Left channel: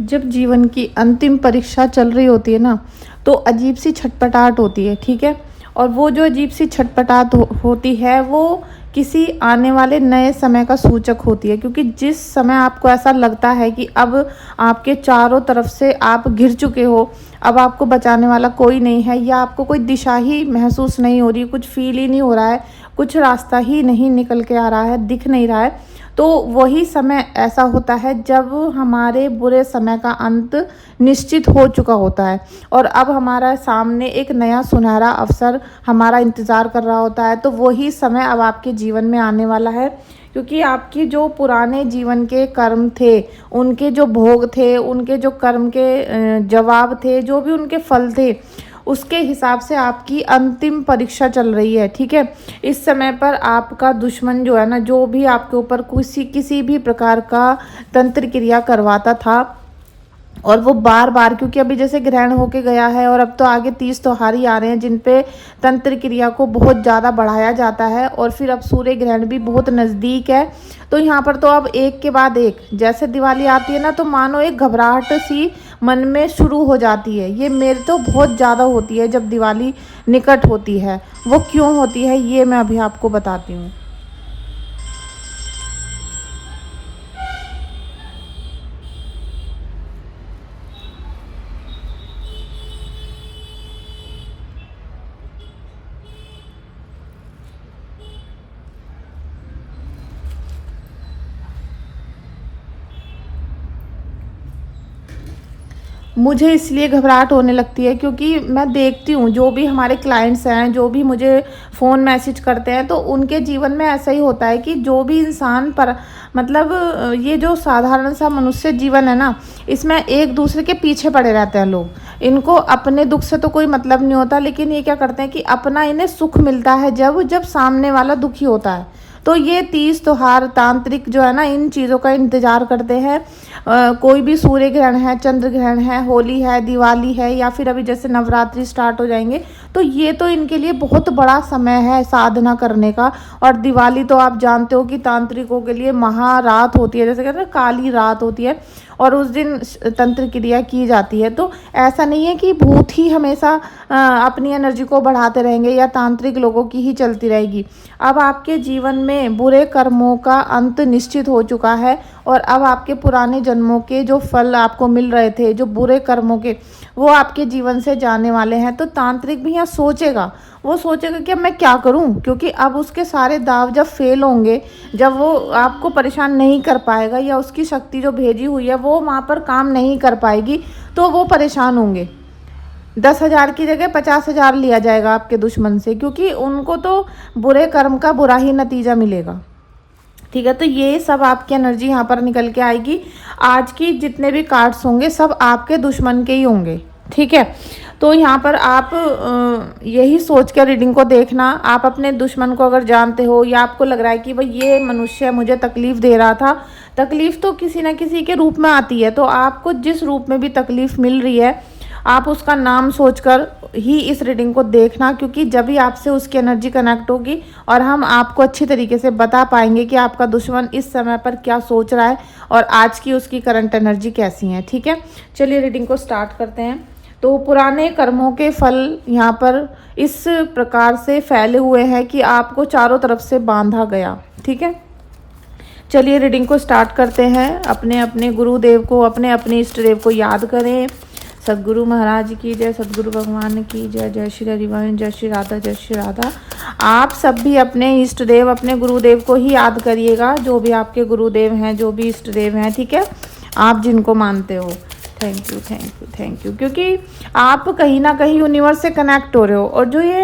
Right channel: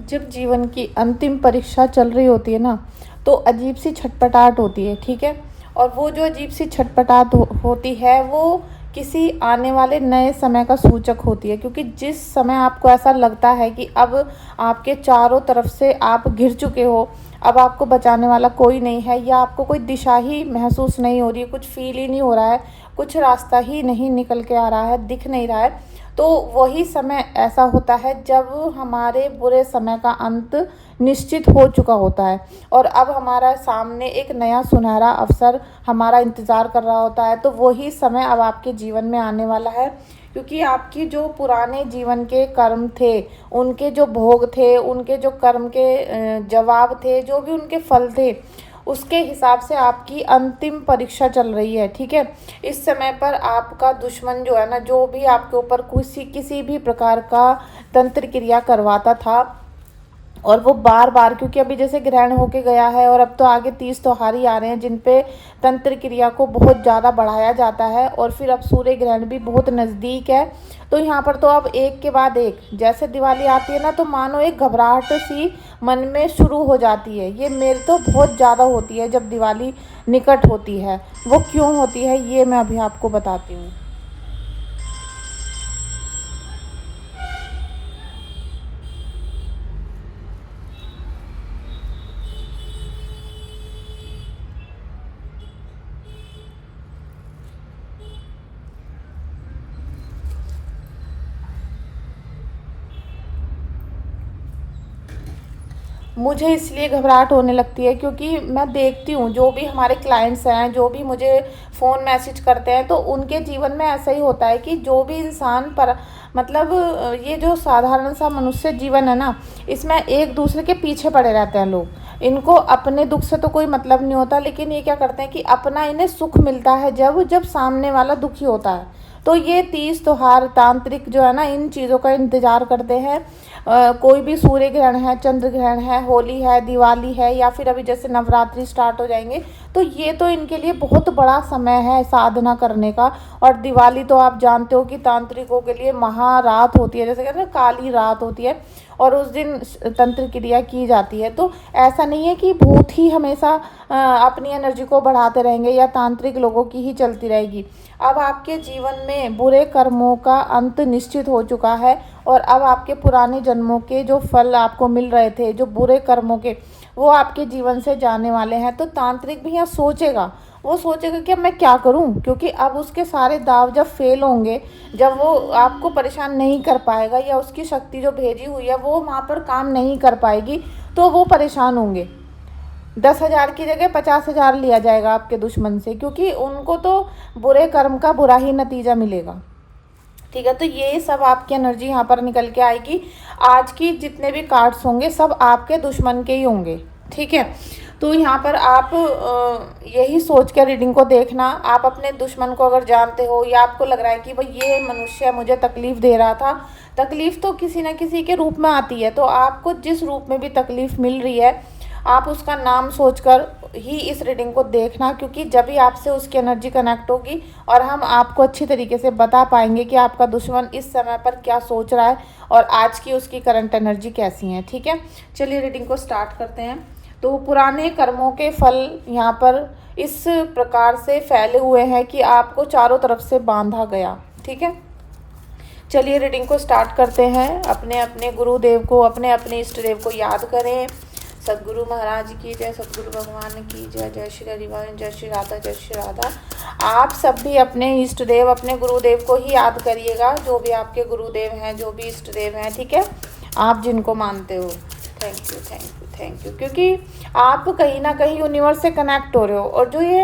जब जीवन की अंतिम परीक्षा चल रही होती है ना, तो अजीब सी छटपटाहट होती है, ठीक है। और वो जो अजीब सी छटपटाहट होती है, वो किसी आने वाले नए समय का सूचक होती है, क्योंकि जिस समय आपको ऐसा लगता है कि अब आपके चारों तरफ से आप घिर चुके हो, अब आपको बचाने वाला कोई नहीं है, या आपको कोई दिशा ही महसूस नहीं हो रही, कुछ फील ही नहीं हो रहा है, कुछ रास्ता ही नहीं निकल के आ रहा है, दिख नहीं रहा है, तो वही समय ऐसा होता है जब हमारे बुरे समय का अंत निश्चित हो चुका होता है और अब हमारा सामने एक नया सुनहरा अवसर हमारा इंतज़ार कर रहा होता है। तो वही समय अब आपके जीवन में आने वाला है, क्योंकि आपकी जो पुराने जीवन के कर्म थे, उनके जो भोग थे, उनके जो कर्म के जवाब थे, जो भी उनके फल थे, उसके हिसाब से आपकी अंतिम परीक्षा चल रही है, ठीक है। इस समय पर आपका दुश्मन जो है ना, जो भी आपके ऊपर किसी भी प्रकार का तंत्र क्रिया करवाता था, और वो बार बार, क्योंकि अभी जैसे ग्रहण होके गया है और अब तो आगे 30 त्योहार ही आ रहे हैं जिन पे तंत्र क्रिया को बहुत ज़्यादा बढ़ाया जाता है, और फिर अब सूर्य ग्रहण भी बहुत नज़दीक है। तो यहाँ पर तो अब एक के बाद एक, जैसे दिवाली आती है ना, तो मानो एक घबराहट सी मन में शुरू हो जाती है। ये मेरे तो बहुत ज़्यादा होती है जब दिवाली निकट होती है। वो क्यों होती है ये मैं अभी आपको बताती हूँ। मुझे इसलिए घबराहट होने लगती है क्योंकि मैं देखती हूँ जो भी हमारे क्लाइंट्स हैं, जो भी मुझे फ़ोन मैसेज करते हैं, तो उनके जीवन में ऐसा ही होता है कि जो भी इंसान पर, मतलब ये जो साधारण सा मनुष्य जीवन है ना, इसमें एक दूसरे के पीछे पड़े रहते हैं लोग। इनको अपने दुख से तो कोई मतलब नहीं होता, लेकिन ये क्या करते हैं कि अपना इन्हें सुख मिलता है जब जब सामने वाला दुखी होता है। तो ये 30 त्योहार तांत्रिक जो है ना, इन चीज़ों का इंतज़ार करते हैं। कोई भी सूर्य ग्रहण है, चंद्र ग्रहण है, होली है, दिवाली है, या फिर अभी जैसे नवरात्रि स्टार्ट हो जाएंगे, तो ये तो इनके लिए बहुत बड़ा समय है साधना करने का। और दिवाली तो आप जानते हो कि तांत्रिकों के लिए महारात होती है, जैसे कहते हैं काली रात होती है, और उस दिन तंत्र क्रिया की जाती है। तो ऐसा नहीं है कि भूत ही हमेशा अपनी एनर्जी को बढ़ाते रहेंगे या तांत्रिक लोगों की ही चलती रहेगी। अब आपके जीवन में बुरे कर्मों का अंत निश्चित हो चुका है, और अब आपके पुराने जन्मों के जो फल आपको मिल रहे थे, जो बुरे कर्मों के, वो आपके जीवन से जाने वाले हैं। तो तांत्रिक भी यहाँ सोचेगा, वो सोचेगा कि अब मैं क्या करूं, क्योंकि अब उसके सारे दाव जब फेल होंगे, जब वो आपको परेशान नहीं कर पाएगा, या उसकी शक्ति जो भेजी हुई है वो वहाँ पर काम नहीं कर पाएगी, तो वो परेशान होंगे। 10,000 की जगह 50,000 लिया जाएगा आपके दुश्मन से, क्योंकि उनको तो बुरे कर्म का बुरा ही नतीजा मिलेगा, ठीक है। तो ये सब आपकी एनर्जी यहाँ पर निकल के आएगी। आज की जितने भी कार्ड्स होंगे सब आपके दुश्मन के ही होंगे, ठीक है। तो यहाँ पर आप यही सोच कर रीडिंग को देखना। आप अपने दुश्मन को अगर जानते हो, या आपको लग रहा है कि भाई ये मनुष्य मुझे तकलीफ दे रहा था, तकलीफ तो किसी न किसी के रूप में आती है, तो आपको जिस रूप में भी तकलीफ मिल रही है, आप उसका नाम सोचकर ही इस रीडिंग को देखना, क्योंकि जब भी आपसे उसकी एनर्जी कनेक्ट होगी और हम आपको अच्छी तरीके से बता पाएंगे कि आपका दुश्मन इस समय पर क्या सोच रहा है और आज की उसकी करंट एनर्जी कैसी है, ठीक है। चलिए रीडिंग को स्टार्ट करते हैं। तो पुराने कर्मों के फल यहाँ पर इस प्रकार से फैले हुए हैं कि आपको चारों तरफ से बांधा गया, ठीक है। चलिए रीडिंग को स्टार्ट करते हैं। अपने अपने गुरुदेव को, अपने अपने इष्ट देव को याद करें। सदगुरु महाराज की जय, सदगुरु भगवान की जय, जय श्री हरिवान, जय श्री राधा, जय श्री राधा। आप सब भी अपने इष्ट देव, अपने गुरुदेव को ही याद करिएगा, जो भी आपके गुरुदेव हैं, जो भी इष्ट देव हैं, ठीक है, आप जिनको मानते हो। Thank you, thank you, thank you, क्योंकि आप कहीं ना कहीं यूनिवर्स से कनेक्ट हो रहे हो, और जो ये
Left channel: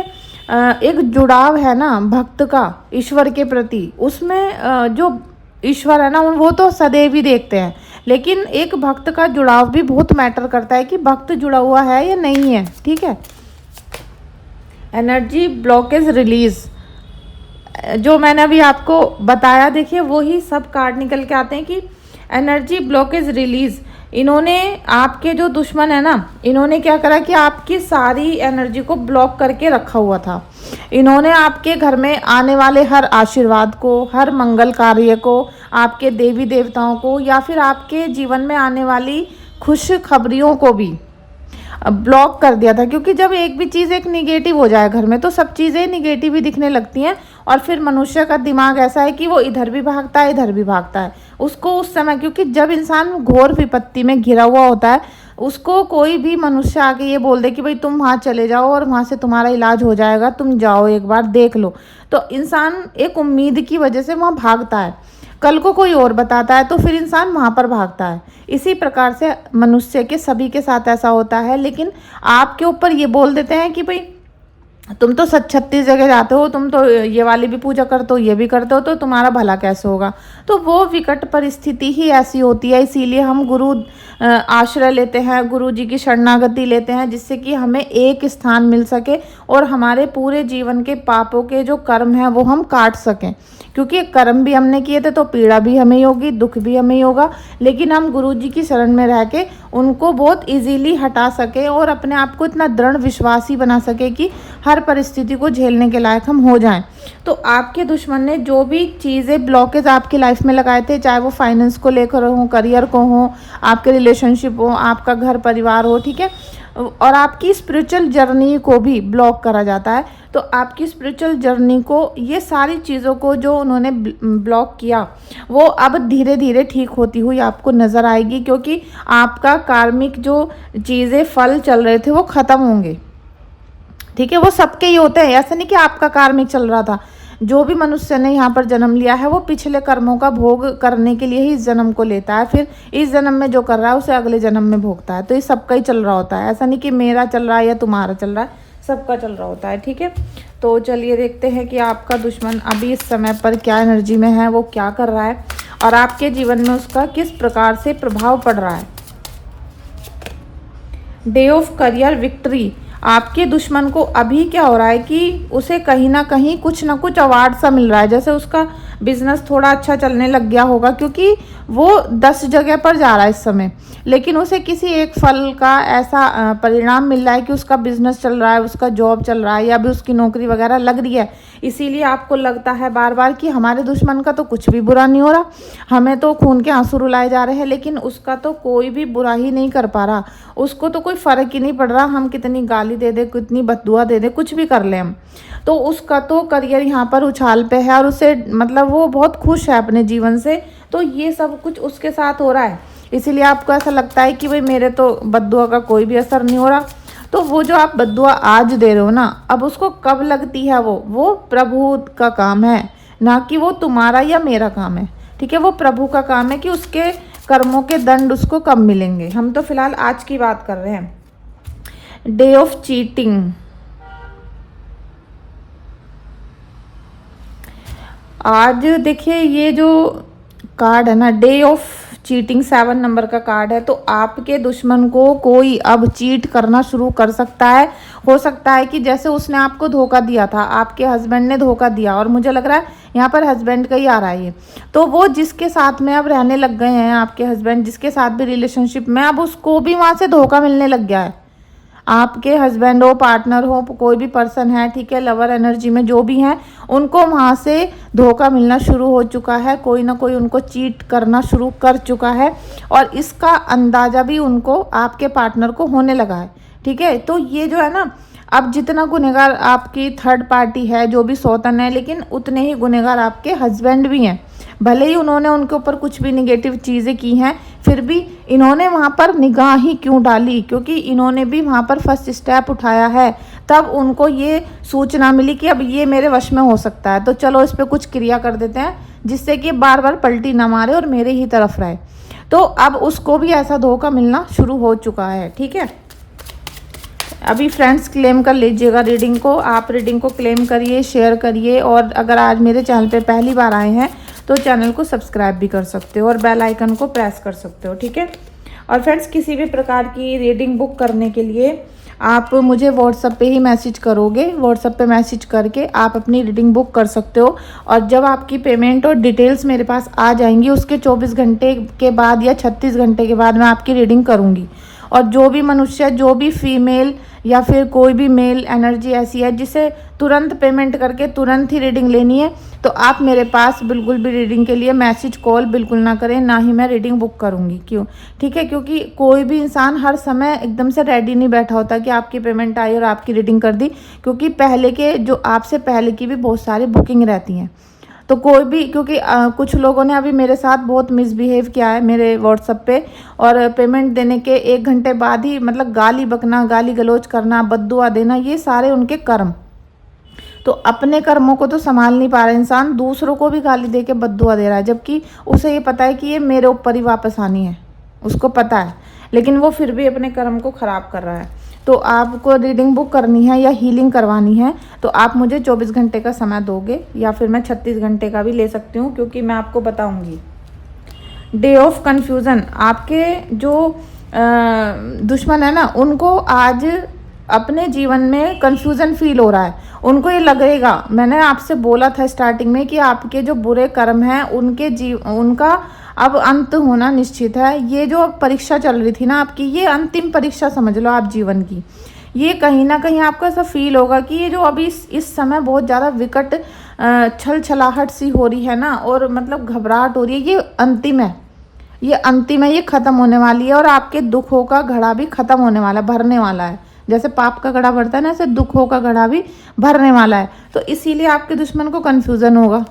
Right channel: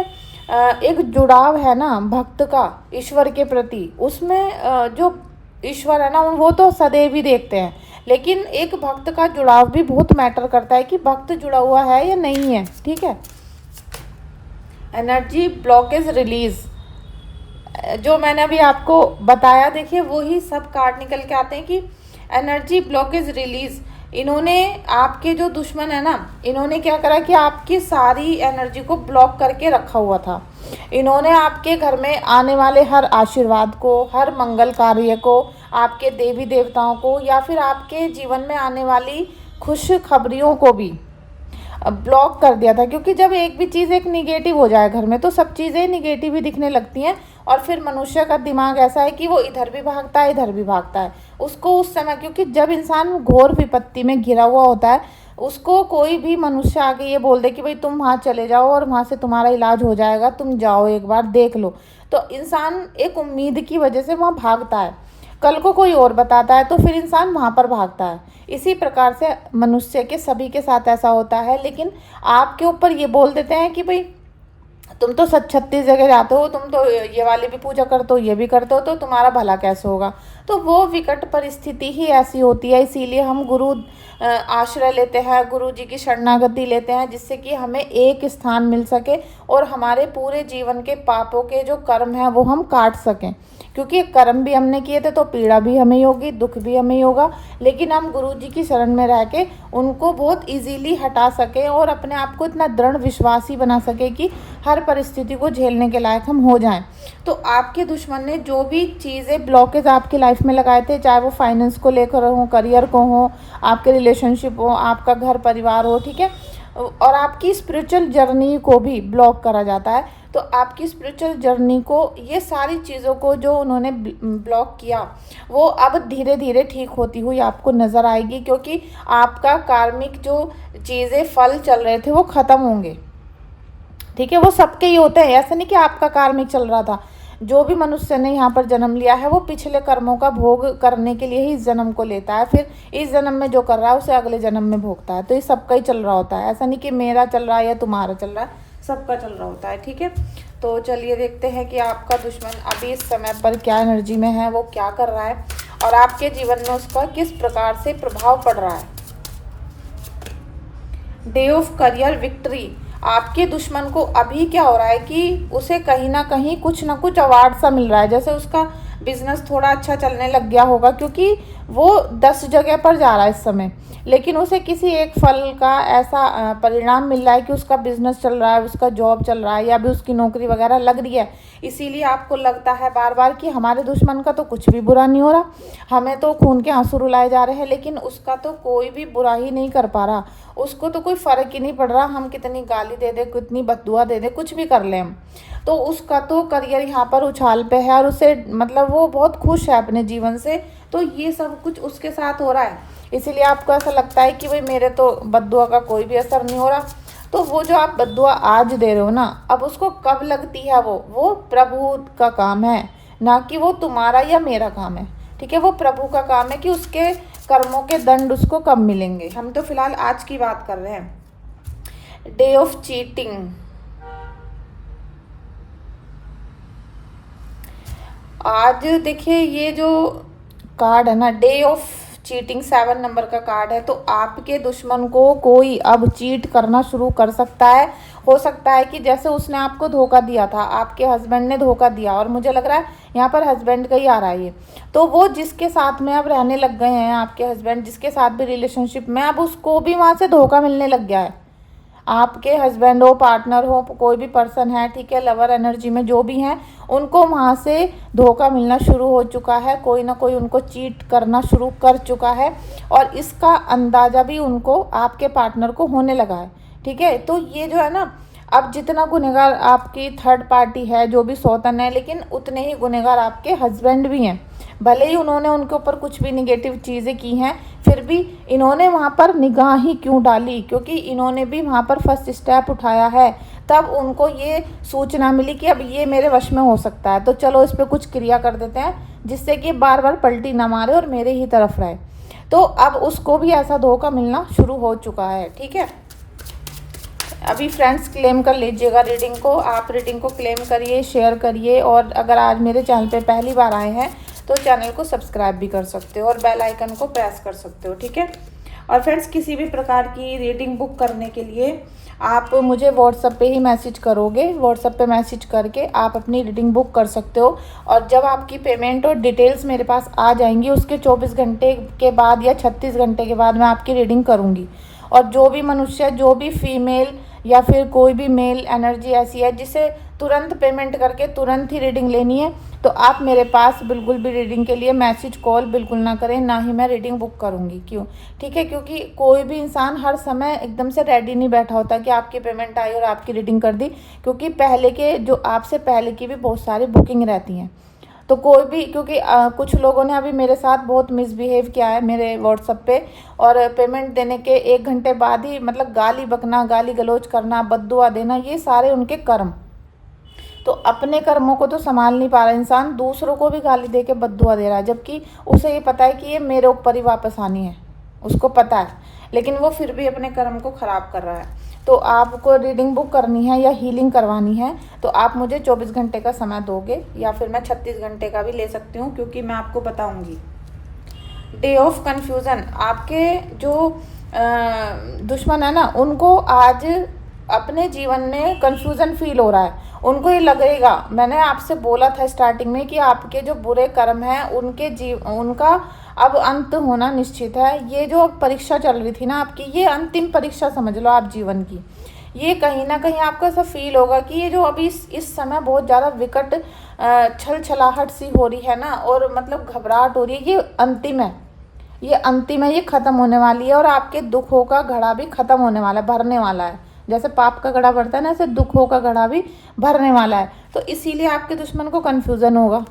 एक जुड़ाव है ना भक्त का ईश्वर के प्रति, उसमें जो ईश्वर है ना, वो तो सदैव ही देखते हैं, लेकिन एक भक्त का जुड़ाव भी बहुत मैटर करता है कि भक्त जुड़ा हुआ है या नहीं है, ठीक है। एनर्जी ब्लॉकेज रिलीज, जो मैंने अभी आपको बताया, देखिए वही सब कार्ड निकल के आते हैं कि एनर्जी ब्लॉकेज रिलीज। इन्होंने, आपके जो दुश्मन है ना, इन्होंने क्या करा कि आपकी सारी एनर्जी को ब्लॉक करके रखा हुआ था। इन्होंने आपके घर में आने वाले हर आशीर्वाद को, हर मंगल कार्य को, आपके देवी देवताओं को, या फिर आपके जीवन में आने वाली खुशखबरियों को भी ब्लॉक कर दिया था। क्योंकि जब एक भी चीज़ एक निगेटिव हो जाए घर में तो सब चीज़ें निगेटिव ही दिखने लगती हैं, और फिर मनुष्य का दिमाग ऐसा है कि वो इधर भी भागता है इधर भी भागता है। उसको उस समय, क्योंकि जब इंसान घोर विपत्ति में घिरा हुआ होता है, उसको कोई भी मनुष्य आके ये बोल दे कि भाई तुम वहाँ चले जाओ और वहाँ से तुम्हारा इलाज हो जाएगा, तुम जाओ एक बार देख लो, तो इंसान एक उम्मीद की वजह से वहाँ भागता है। कल को कोई और बताता है तो फिर इंसान वहाँ पर भागता है। इसी प्रकार से मनुष्य के सभी के साथ ऐसा होता है। लेकिन आपके ऊपर ये बोल देते हैं कि भाई तुम तो 36 जगह जाते हो, तुम तो ये वाली भी पूजा करते हो, ये भी करते हो, तो तुम्हारा भला कैसे होगा। तो वो विकट परिस्थिति ही ऐसी होती है, इसीलिए हम गुरु आश्रय लेते हैं, गुरु जी की शरणागति लेते हैं, जिससे कि हमें एक स्थान मिल सके और हमारे पूरे जीवन के पापों के जो कर्म हैं वो हम काट सकें। क्योंकि कर्म भी हमने किए थे तो पीड़ा भी हमें ही होगी, दुख भी हमें ही होगा, लेकिन हम गुरु जी की शरण में रह के उनको बहुत इजीली हटा सके और अपने आप को इतना दृढ़ विश्वासी बना सके कि हर परिस्थिति को झेलने के लायक हम हो जाएं। तो आपके दुश्मन ने जो भी चीज़ें ब्लॉकेज आपकी लाइफ में लगाए थे, चाहे वो फाइनेंस को लेकर हो, करियर को हो, आपके रिलेशनशिप हो, आपका घर परिवार हो, ठीक है, और आपकी स्पिरिचुअल जर्नी को भी ब्लॉक करा जाता है। तो आपकी स्पिरिचुअल जर्नी को, ये सारी चीज़ों को जो उन्होंने ब्लॉक किया, वो अब धीरे धीरे ठीक होती हुई आपको नज़र आएगी। क्योंकि आपका कार्मिक जो चीज़ें फल चल रहे थे वो ख़त्म होंगे, ठीक है। वो सबके ही होते हैं, ऐसा नहीं कि आपका कार्मिक चल रहा था। जो भी मनुष्य ने यहाँ पर जन्म लिया है वो पिछले कर्मों का भोग करने के लिए ही इस जन्म को लेता है, फिर इस जन्म में जो कर रहा है उसे अगले जन्म में भोगता है। तो ये सबका ही चल रहा होता है, ऐसा नहीं कि मेरा चल रहा है या तुम्हारा चल रहा है, सबका चल रहा होता है, ठीक है। तो चलिए देखते हैं कि आपका दुश्मन अभी इस समय पर क्या एनर्जी में है, वो क्या कर रहा है और आपके जीवन में उसका किस प्रकार से प्रभाव पड़ रहा है। Day of career victory. आपके दुश्मन को अभी क्या हो रहा है कि उसे कहीं ना कुछ अवार्ड सा मिल रहा है, जैसे उसका बिजनेस थोड़ा अच्छा चलने लग गया होगा, क्योंकि वो 10 जगह पर जा रहा है इस समय, लेकिन उसे किसी एक फल का ऐसा परिणाम मिल रहा है कि उसका बिजनेस चल रहा है, उसका जॉब चल रहा है, या भी उसकी नौकरी वगैरह लग रही है। इसीलिए आपको लगता है बार बार कि हमारे दुश्मन का तो कुछ भी बुरा नहीं हो रहा, हमें तो खून के आंसू रुलाए जा रहे हैं, लेकिन उसका तो कोई भी बुरा ही नहीं कर पा रहा, उसको तो कोई फर्क ही नहीं पड़ रहा। हम कितनी गाली दे दे, कितनी बददुआ दे दे, कुछ भी कर ले हम, तो उसका तो करियर यहाँ पर उछाल पे है और उसे मतलब वो बहुत खुश है अपने जीवन से। तो ये सब कुछ उसके साथ हो रहा है, इसीलिए आपको ऐसा लगता है कि भाई मेरे तो बददुआ का कोई भी असर नहीं हो रहा। तो वो जो आप बददुआ आज दे रहे हो ना, अब उसको कब लगती है वो प्रभु का काम है, ना कि वो तुम्हारा या मेरा काम है, ठीक है। वो प्रभु का काम है कि उसके कर्मों के दंड उसको कब मिलेंगे। हम तो फिलहाल आज की बात कर रहे हैं। Day of cheating. आज देखिए ये जो कार्ड है ना, डे ऑफ चीटिंग, 7 नंबर का कार्ड है। तो आपके दुश्मन को कोई अब चीट करना शुरू कर सकता है। हो सकता है कि जैसे उसने आपको धोखा दिया था, आपके हस्बैंड ने धोखा दिया, और मुझे लग रहा है यहाँ पर हस्बैंड का ही आ रहा है ये, तो वो जिसके साथ में अब रहने लग गए हैं आपके हस्बैंड, जिसके साथ भी रिलेशनशिप में, अब उसको भी वहाँ से धोखा मिलने लग गया है। आपके हस्बैंड हो, पार्टनर हो, कोई भी पर्सन है, ठीक है, लवर एनर्जी में जो भी हैं, उनको वहाँ से धोखा मिलना शुरू हो चुका है, कोई ना कोई उनको चीट करना शुरू कर चुका है, और इसका अंदाजा भी उनको आपके पार्टनर को होने लगा है, ठीक है। तो ये जो है ना, अब जितना गुनहगार आपकी थर्ड पार्टी है, जो भी सौतन है, लेकिन उतने ही गुनहगार आपके हस्बैंड भी हैं। भले ही उन्होंने उनके ऊपर कुछ भी निगेटिव चीज़ें की हैं, फिर भी इन्होंने वहाँ पर निगाह ही क्यों डाली, क्योंकि इन्होंने भी वहाँ पर फर्स्ट स्टेप उठाया है। तब उनको ये सूचना मिली कि अब ये मेरे वश में हो सकता है, तो चलो इस पर कुछ क्रिया कर देते हैं जिससे कि बार बार पलटी ना मारे और मेरे ही तरफ रहे। तो अब उसको भी ऐसा धोखा मिलना शुरू हो चुका है, ठीक है। अभी फ्रेंड्स क्लेम कर लीजिएगा रीडिंग को, आप रीडिंग को क्लेम करिए, शेयर करिए, और अगर आज मेरे चैनल पे पहली बार आए हैं तो चैनल को सब्सक्राइब भी कर सकते हो और बेल आइकन को प्रेस कर सकते हो, ठीक है। और फ्रेंड्स किसी भी प्रकार की रीडिंग बुक करने के लिए आप मुझे व्हाट्सएप पे ही मैसेज करोगे, व्हाट्सएप पे मैसेज करके आप अपनी रीडिंग बुक कर सकते हो। और जब आपकी पेमेंट और डिटेल्स मेरे पास आ जाएंगी, उसके 24 घंटे के बाद या 36 घंटे के बाद मैं आपकी रीडिंग करूँगी। और जो भी मनुष्य, जो भी फीमेल या फिर कोई भी मेल एनर्जी ऐसी है जिसे तुरंत पेमेंट करके तुरंत ही रीडिंग लेनी है तो आप मेरे पास बिल्कुल भी रीडिंग के लिए मैसेज कॉल बिल्कुल ना करें, ना ही मैं रीडिंग बुक करूंगी। क्यों? ठीक है, क्योंकि कोई भी इंसान हर समय एकदम से रेडी नहीं बैठा होता कि आपकी पेमेंट आई और आपकी रीडिंग कर दी, क्योंकि पहले के जो आपसे पहले की भी बहुत सारी बुकिंग रहती हैं। तो कोई भी, क्योंकि कुछ लोगों ने अभी मेरे साथ बहुत मिसबिहेव किया है मेरे व्हाट्सएप पे, और पेमेंट देने के 1 घंटे बाद ही मतलब गाली बकना, गाली गलौज करना, बद्दुआ देना, ये सारे उनके कर्म। तो अपने कर्मों को तो संभाल नहीं पा रहा इंसान, दूसरों को भी गाली दे के बद्दुआ दे रहा है, जबकि उसे ये पता है कि ये मेरे ऊपर ही वापस आनी है, उसको पता है, लेकिन वो फिर भी अपने कर्म को खराब कर रहा है। तो आपको रीडिंग बुक करनी है या हीलिंग करवानी है तो आप मुझे 24 घंटे का समय दोगे, या फिर मैं 36 घंटे का भी ले सकती हूँ, क्योंकि मैं आपको बताऊंगी। डे ऑफ कंफ्यूजन, आपके जो दुश्मन है ना, उनको आज अपने जीवन में कंफ्यूजन फील हो रहा है। उनको ये लगेगा, मैंने आपसे बोला था स्टार्टिंग में कि आपके जो बुरे कर्म हैं उनका अब अंत होना निश्चित है। ये जो परीक्षा चल रही थी ना आपकी, ये अंतिम परीक्षा समझ लो आप जीवन की। ये कहीं ना कहीं आपको ऐसा फील होगा कि ये जो अभी इस समय बहुत ज़्यादा विकट छल छलाहट सी हो रही है ना, और मतलब घबराहट हो रही है, ये अंतिम है, ये अंतिम है, ये खत्म होने वाली है। और आपके दुखों का घड़ा भी खत्म होने वाला है, भरने वाला है। जैसे पाप का घड़ा भरता है ना, ऐसे दुखों का घड़ा भी भरने वाला है। तो इसीलिए आपके दुश्मन को कंफ्यूजन होगा,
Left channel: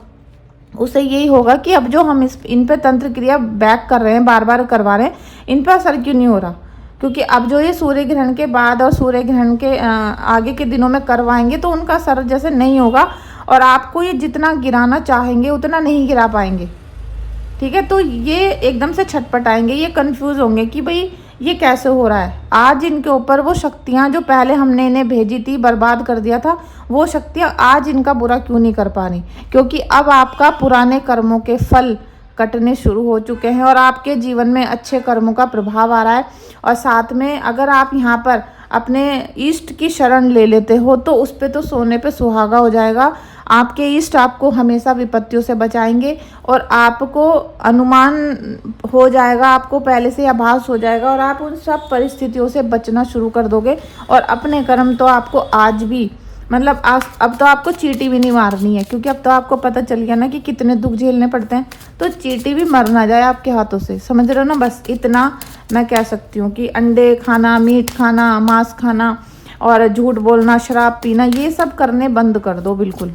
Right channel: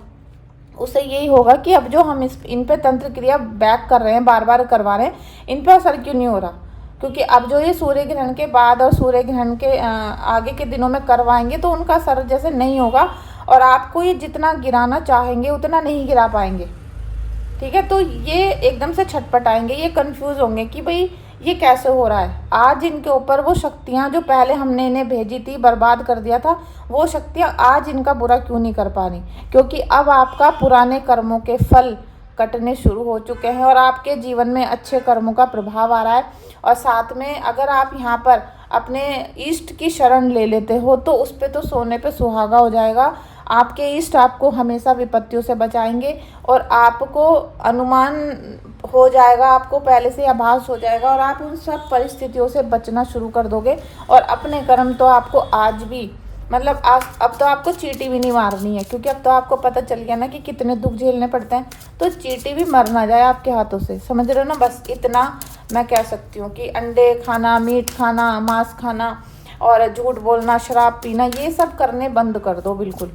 उसे यही होगा कि अब जो हम इन पे तंत्र क्रिया बैक कर रहे हैं, बार बार करवा रहे हैं, इन पर असर क्यों नहीं हो रहा। क्योंकि अब जो ये सूर्य ग्रहण के बाद और सूर्य ग्रहण के आगे के दिनों में करवाएंगे तो उनका असर जैसे नहीं होगा, और आपको ये जितना गिराना चाहेंगे उतना नहीं गिरा पाएंगे। ठीक है, तो ये एकदम से छटपटाएंगे, ये कंफ्यूज होंगे कि भाई ये कैसे हो रहा है। आज इनके ऊपर वो शक्तियां जो पहले हमने इन्हें भेजी थी, बर्बाद कर दिया था, वो शक्तियां आज इनका बुरा क्यों नहीं कर पा रही, क्योंकि अब आपका पुराने कर्मों के फल कटने शुरू हो चुके हैं और आपके जीवन में अच्छे कर्मों का प्रभाव आ रहा है। और साथ में अगर आप यहाँ पर अपने इष्ट की शरण ले लेते हो तो उस पर तो सोने पे सुहागा हो जाएगा। आपके इष्ट आपको हमेशा विपत्तियों से बचाएंगे और आपको अनुमान हो जाएगा, आपको पहले से आभास हो जाएगा, और आप उन सब परिस्थितियों से बचना शुरू कर दोगे। और अपने कर्म तो आपको आज भी मतलब अब तो आपको चींटी भी नहीं मारनी है, क्योंकि अब तो आपको पता चल गया ना कि कितने दुख झेलने पड़ते हैं। तो चींटी भी मर ना जाए आपके हाथों से, समझ रहे हो ना। बस इतना मैं कह सकती हूँ कि अंडे खाना, मीट खाना, मांस खाना और झूठ बोलना, शराब पीना, ये सब करने बंद कर दो बिल्कुल।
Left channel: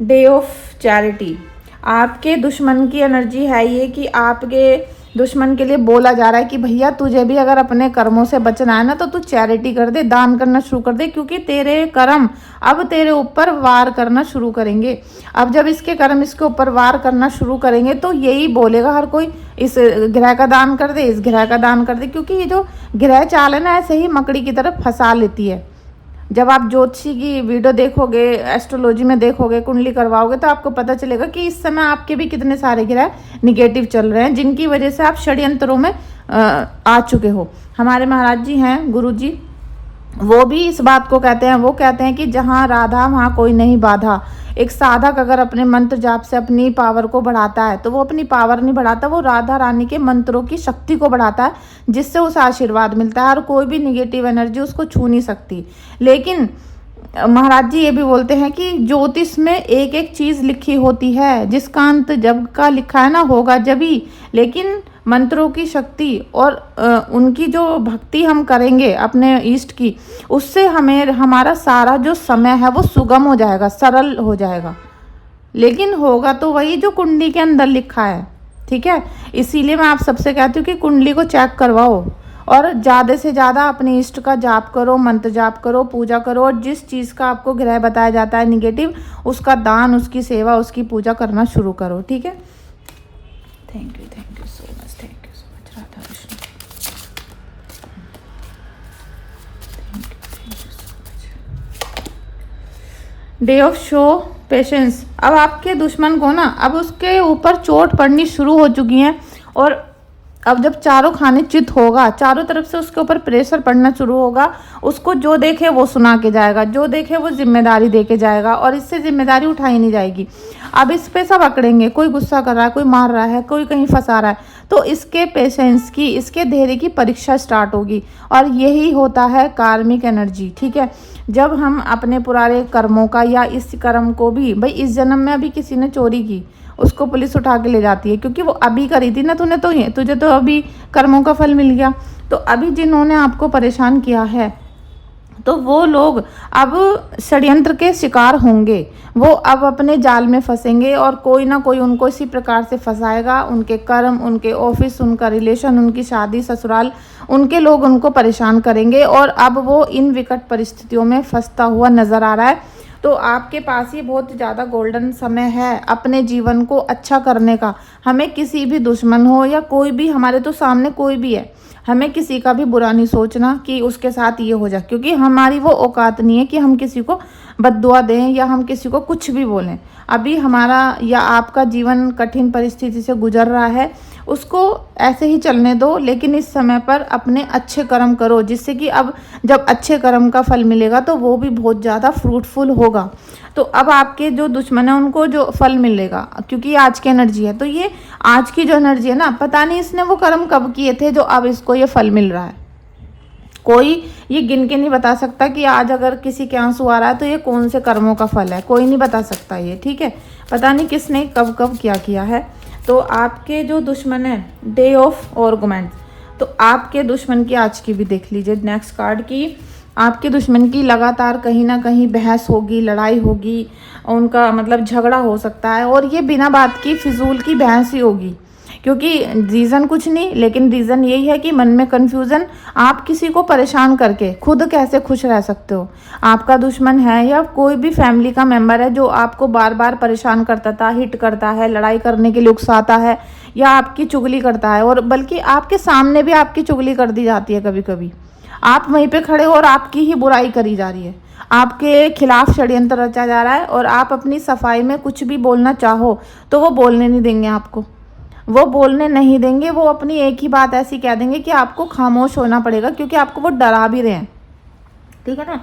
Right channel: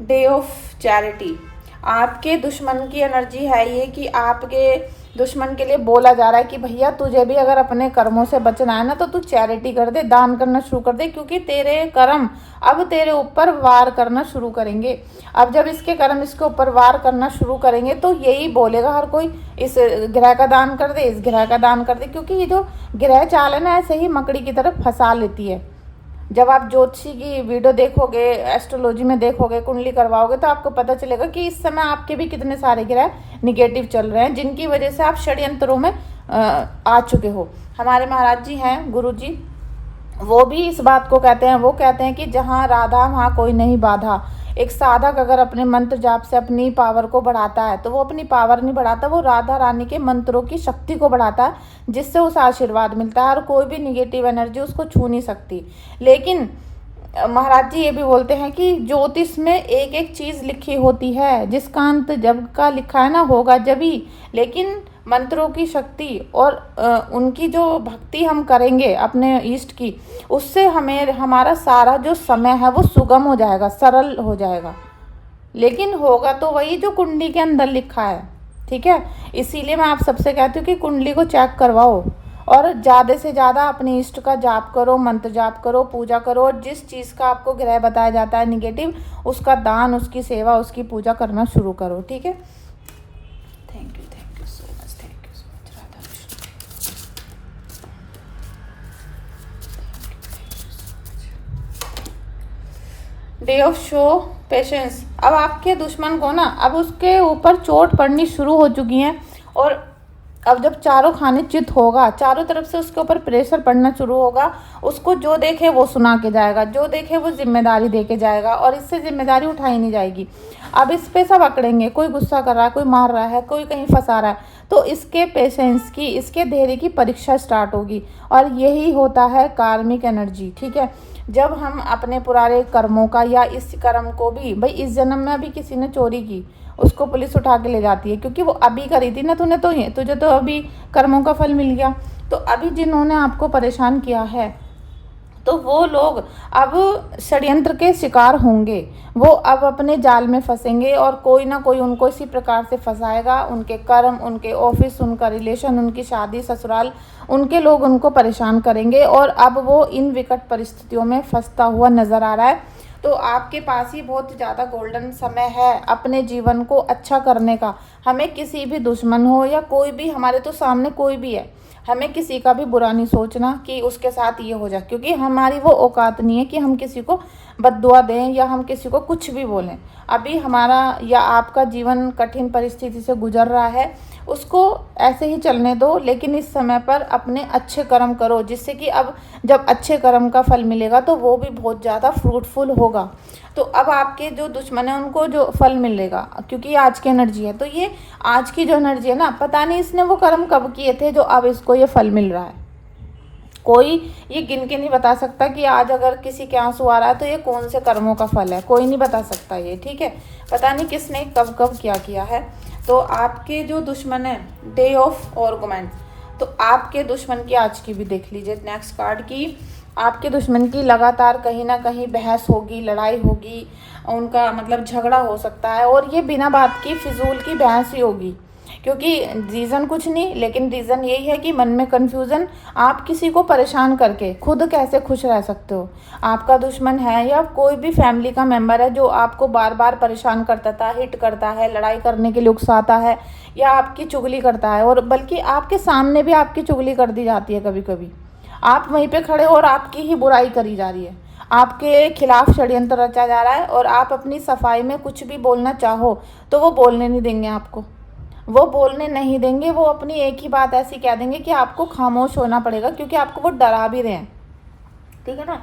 डे ऑफ चैरिटी, आपके दुश्मन की एनर्जी है ये कि आपके दुश्मन के लिए बोला जा रहा है कि भैया तुझे भी अगर अपने कर्मों से बचना है ना तो तू चैरिटी कर दे, दान करना शुरू कर दे, क्योंकि तेरे कर्म अब तेरे ऊपर वार करना शुरू करेंगे। अब जब इसके कर्म इसके ऊपर वार करना शुरू करेंगे तो यही बोलेगा हर कोई, इस ग्रह का दान कर दे, इस ग्रह का दान कर दे, क्योंकि ये जो ग्रह चाल है ना ऐसे ही मकड़ी की तरफ फंसा लेती है। जब आप ज्योतिषी की वीडियो देखोगे, एस्ट्रोलॉजी में देखोगे, कुंडली करवाओगे तो आपको पता चलेगा कि इस समय आपके भी कितने सारे ग्रह निगेटिव चल रहे हैं, जिनकी वजह से आप षड्यंत्रों में आ चुके हो। हमारे महाराज जी हैं, गुरु जी, वो भी इस बात को कहते हैं, वो कहते हैं कि जहाँ राधा वहाँ कोई नहीं बाधा। एक साधक अगर अपने मंत्र जाप से अपनी पावर को बढ़ाता है तो वो अपनी पावर नहीं बढ़ाता, वो राधा रानी के मंत्रों की शक्ति को बढ़ाता है, जिससे उसे आशीर्वाद मिलता है और कोई भी निगेटिव एनर्जी उसको छू नहीं सकती। लेकिन महाराज जी ये भी बोलते हैं कि ज्योतिष में एक एक चीज लिखी होती है, जिसका अंत जब का लिखा है ना होगा जभी। लेकिन मंत्रों की शक्ति और उनकी जो भक्ति हम करेंगे अपने इष्ट की, उससे हमें हमारा सारा जो समय है वो सुगम हो जाएगा, सरल हो जाएगा। लेकिन होगा तो वही जो कुंडली के अंदर लिखा है। ठीक है, इसीलिए मैं आप सबसे कहती हूँ कि कुंडली को चेक करवाओ और ज़्यादा से ज़्यादा अपने इष्ट का जाप करो, मंत्र जाप करो, पूजा करो, और जिस चीज़ का आपको ग्रह बताया जाता है निगेटिव, उसका दान, उसकी सेवा, उसकी पूजा करना शुरू करो। ठीक है, thank you so much, thank you so much Radha Krishna. Day of show patience, अब आपके दुश्मन को ना अब उसके ऊपर चोट पड़नी शुरू हो चुकी है, और अब जब चारों खाने चित होगा, चारों तरफ से उसके ऊपर प्रेशर पड़ना शुरू होगा, उसको जो देखे वो सुना के जाएगा, जो देखे वो जिम्मेदारी दे के जाएगा, और इससे जिम्मेदारी उठाई नहीं जाएगी। अब इस पे सब अकड़ेंगे, कोई गुस्सा कर रहा है, कोई मार रहा है, कोई कहीं फंसा रहा है, तो इसके पेशेंस की, इसके धैर्य की परीक्षा स्टार्ट होगी। और यही होता है कार्मिक एनर्जी, ठीक है। जब हम अपने पुराने कर्मों का या इस कर्म को भी, भाई इस जन्म में अभी किसी ने चोरी की, उसको पुलिस उठा के ले जाती है क्योंकि वो अभी करी थी ना तूने, तो ये तुझे तो अभी कर्मों का फल मिल गया। तो अभी जिन्होंने आपको परेशान किया है, तो वो लोग अब षड्यंत्र के शिकार होंगे, वो अब अपने जाल में फंसेंगे और कोई ना कोई उनको इसी प्रकार से फंसाएगा। उनके कर्म, उनके ऑफिस, उनका रिलेशन, उनकी शादी, ससुराल, उनके लोग उनको परेशान करेंगे और अब वो इन विकट परिस्थितियों में फंसता हुआ नजर आ रहा है। तो आपके पास ही बहुत ज़्यादा गोल्डन समय है अपने जीवन को अच्छा करने का। हमें किसी भी दुश्मन हो या कोई भी हमारे तो सामने कोई भी है, हमें किसी का भी बुरा नहीं सोचना कि उसके साथ ये हो जाए, क्योंकि हमारी वो औकात नहीं है कि हम किसी को बद्दुआ दें या हम किसी को कुछ भी बोलें। अभी हमारा या आपका जीवन कठिन परिस्थिति से गुजर रहा है, उसको ऐसे ही चलने दो, लेकिन इस समय पर अपने अच्छे कर्म करो, जिससे कि अब जब अच्छे कर्म का फल मिलेगा तो वो भी बहुत ज़्यादा फ्रूटफुल होगा। तो अब आपके जो दुश्मन है उनको जो फल मिलेगा, क्योंकि आज की एनर्जी है, तो ये आज की जो एनर्जी है ना, पता नहीं इसने वो कर्म कब किए थे जो अब इसको ये फल मिल रहा है। कोई ये गिन के नहीं बता सकता कि आज अगर किसी के आंसू आ रहा है तो ये कौन से कर्मों का फल है, कोई नहीं बता सकता ये, ठीक है। पता नहीं किसने कब कब क्या किया है। तो आपके जो दुश्मन है, डे ऑफ आर्गुमेंट, तो आपके दुश्मन की आज की भी देख लीजिए नेक्स्ट कार्ड की। आपके दुश्मन की लगातार कहीं ना कहीं बहस होगी, लड़ाई होगी, उनका मतलब झगड़ा हो सकता है, और ये बिना बात की फिजूल की बहस ही होगी, क्योंकि रीज़न कुछ नहीं, लेकिन रीज़न यही है कि मन में कन्फ्यूज़न। आप किसी को परेशान करके खुद कैसे खुश रह सकते हो? आपका दुश्मन है या कोई भी फैमिली का मेंबर है जो आपको बार बार परेशान करता था, हिट करता है, लड़ाई करने के लिए उकसाता है या आपकी चुगली करता है, और बल्कि आपके सामने भी आपकी चुगली कर दी जाती है कभी कभी। आप वहीं पे खड़े हो और आपकी ही बुराई करी जा रही है, आपके खिलाफ षड्यंत्र रचा जा रहा है, और आप अपनी सफाई में कुछ भी बोलना चाहो तो वो बोलने नहीं देंगे आपको, वो बोलने नहीं देंगे। वो अपनी एक ही बात ऐसी कह देंगे कि आपको खामोश होना पड़ेगा, क्योंकि आपको वो डरा भी रहे हैं, ठीक है ना।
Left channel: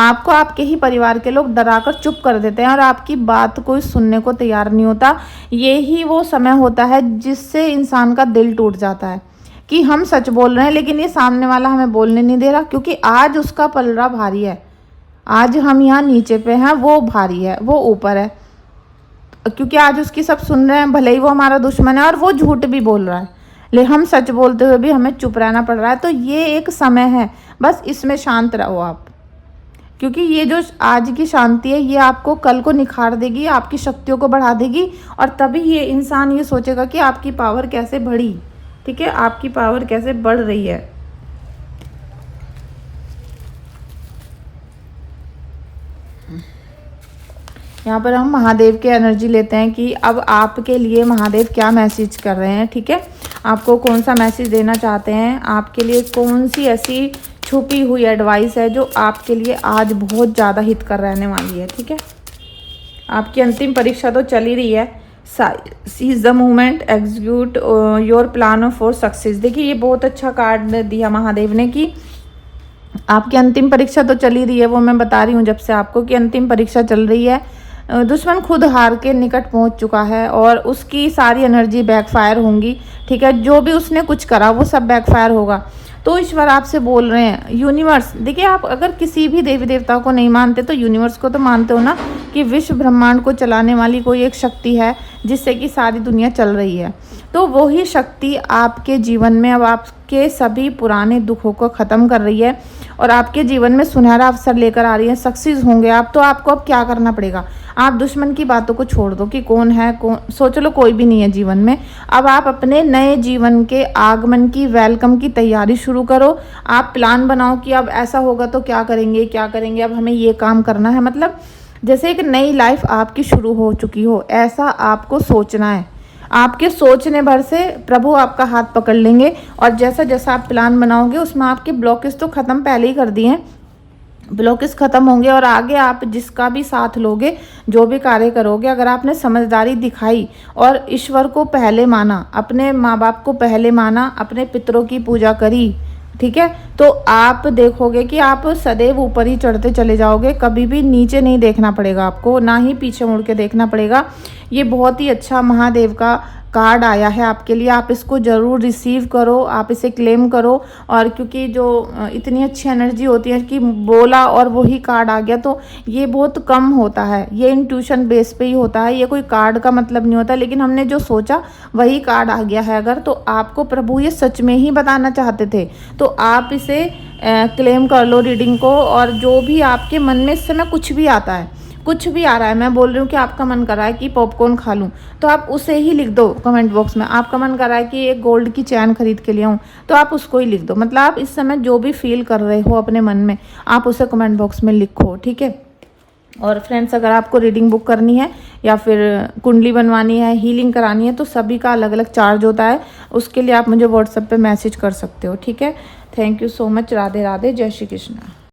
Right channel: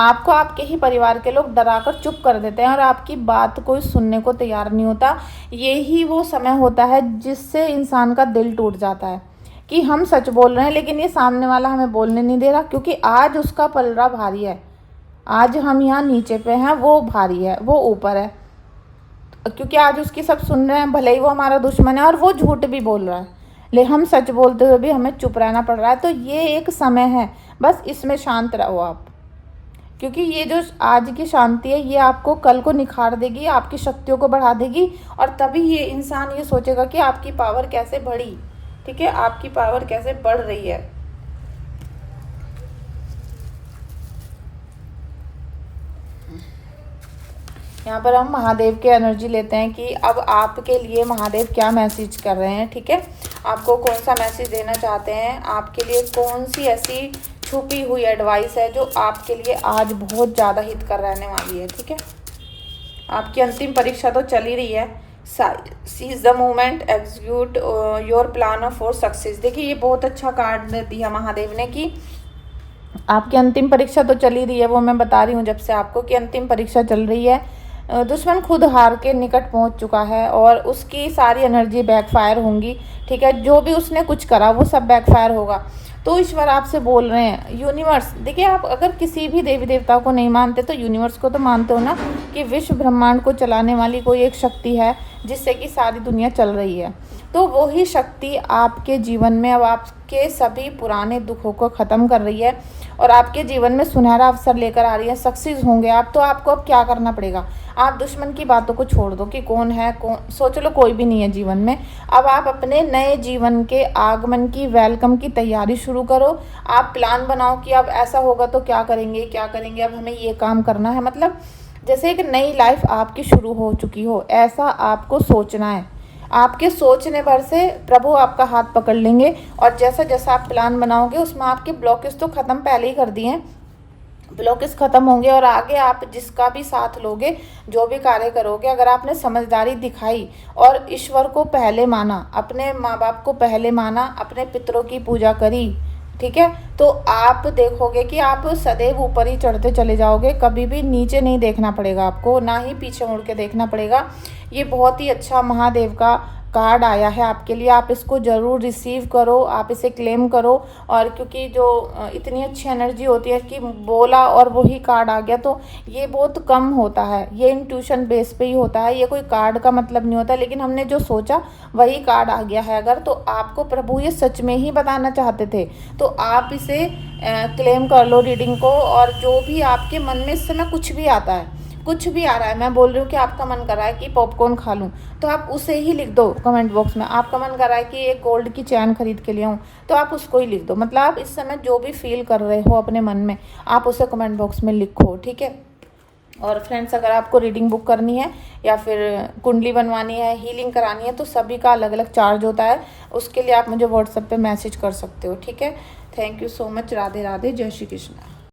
आपको आपके ही परिवार के लोग डरा कर चुप कर देते हैं और आपकी बात कोई सुनने को तैयार नहीं होता। ये ही वो समय होता है जिससे इंसान का दिल टूट जाता है कि हम सच बोल रहे हैं लेकिन ये सामने वाला हमें बोलने नहीं दे रहा, क्योंकि आज उसका पलड़ा भारी है। आज हम यहाँ नीचे पे हैं, वो भारी है, वो ऊपर है, क्योंकि आज उसकी सब सुन रहे हैं, भले ही वो हमारा दुश्मन है और वो झूठ भी बोल रहा है, लेकिन हम सच बोलते हुए भी हमें चुप रहना पड़ रहा है। तो ये एक समय है, बस इसमें शांत रहो आप, क्योंकि ये जो आज की शांति है ये आपको कल को निखार देगी, आपकी शक्तियों को बढ़ा देगी, और तभी ये इंसान ये सोचेगा कि आपकी पावर कैसे बढ़ी, ठीक है, आपकी पावर कैसे बढ़ रही है। यहाँ पर हम महादेव के एनर्जी लेते हैं कि अब आपके लिए महादेव क्या मैसेज कर रहे हैं, ठीक है। आपको कौन सा मैसेज देना चाहते हैं, आपके लिए कौन सी ऐसी छुपी हुई एडवाइस है जो आपके लिए आज बहुत ज़्यादा हित कर रहने वाली है, ठीक है। आपकी अंतिम परीक्षा तो चल ही रही है, seize the movement, execute your plan for success. देखिए ये बहुत अच्छा कार्ड दिया महादेव ने कि आपकी अंतिम परीक्षा तो चल ही रही है, वो मैं बता रही हूँ जब से आपको कि अंतिम परीक्षा चल रही है। दुश्मन खुद हार के निकट पहुंच चुका है और उसकी सारी एनर्जी बैकफायर होंगी, ठीक है। जो भी उसने कुछ करा वो सब बैकफायर होगा। तो ईश्वर आपसे बोल रहे हैं, यूनिवर्स, देखिए आप अगर किसी भी देवी देवता को नहीं मानते तो यूनिवर्स को तो मानते हो ना, कि विश्व ब्रह्मांड को चलाने वाली कोई एक शक्ति है जिससे कि सारी दुनिया चल रही है। तो वही शक्ति आपके जीवन में अब आपके सभी पुराने दुखों को ख़त्म कर रही है और आपके जीवन में सुनहरा अवसर लेकर आ रही है, सक्सेस होंगे आप। तो आपको अब क्या करना पड़ेगा, आप दुश्मन की बातों को छोड़ दो कि कौन है कौन, सोच लो कोई भी नहीं है जीवन में। अब आप अपने नए जीवन के आगमन की, वेलकम की तैयारी शुरू करो। आप प्लान बनाओ कि अब ऐसा होगा तो क्या करेंगे, क्या करेंगे, अब हमें ये काम करना है, मतलब जैसे एक नई लाइफ आपकी शुरू हो चुकी हो, ऐसा आपको सोचना है। आपके सोचने भर से प्रभु आपका हाथ पकड़ लेंगे और जैसा जैसा आप प्लान बनाओगे उसमें आपकी ब्लॉकेज तो ख़त्म पहले ही कर दिए हैं, ब्लॉकेज खत्म होंगे और आगे आप जिसका भी साथ लोगे, जो भी कार्य करोगे, अगर आपने समझदारी दिखाई और ईश्वर को पहले माना, अपने माँ बाप को पहले माना, अपने पितरों की पूजा करी, ठीक है। तो आप देखोगे कि आप सदैव ऊपर ही चढ़ते चले जाओगे, कभी भी नीचे नहीं देखना पड़ेगा आपको, ना ही पीछे मुड़ के देखना पड़ेगा। ये बहुत ही अच्छा महादेव का कार्ड आया है आपके लिए, आप इसको ज़रूर रिसीव करो, आप इसे क्लेम करो। और क्योंकि जो इतनी अच्छी एनर्जी होती है कि बोला और वही कार्ड आ गया, तो ये बहुत कम होता है, ये इंट्यूशन बेस पे ही होता है, ये कोई कार्ड का मतलब नहीं होता। लेकिन हमने जो सोचा वही कार्ड आ गया है। अगर तो आपको प्रभु ये सच में ही बताना चाहते थे तो आप इसे क्लेम कर लो रीडिंग को। और जो भी आपके मन में इस समय कुछ भी आता है, कुछ भी आ रहा है, मैं बोल रही हूँ कि आपका मन कर रहा है कि पॉपकॉर्न खा लूँ, तो आप उसे ही लिख दो कमेंट बॉक्स में। आपका मन कर रहा है कि एक गोल्ड की चैन खरीद के ले आऊँ, तो आप उसको ही लिख दो। मतलब आप इस समय जो भी फील कर रहे हो अपने मन में, आप उसे कमेंट बॉक्स में लिखो, ठीक है। और फ्रेंड्स, अगर आपको रीडिंग बुक करनी है या फिर कुंडली बनवानी है, हीलिंग करानी है, तो सभी का अलग अलग चार्ज होता है। उसके लिए आप मुझे व्हाट्सएप पे मैसेज कर सकते हो, ठीक है। Thank you so much. Radhe Radhe, जय श्री कृष्ण।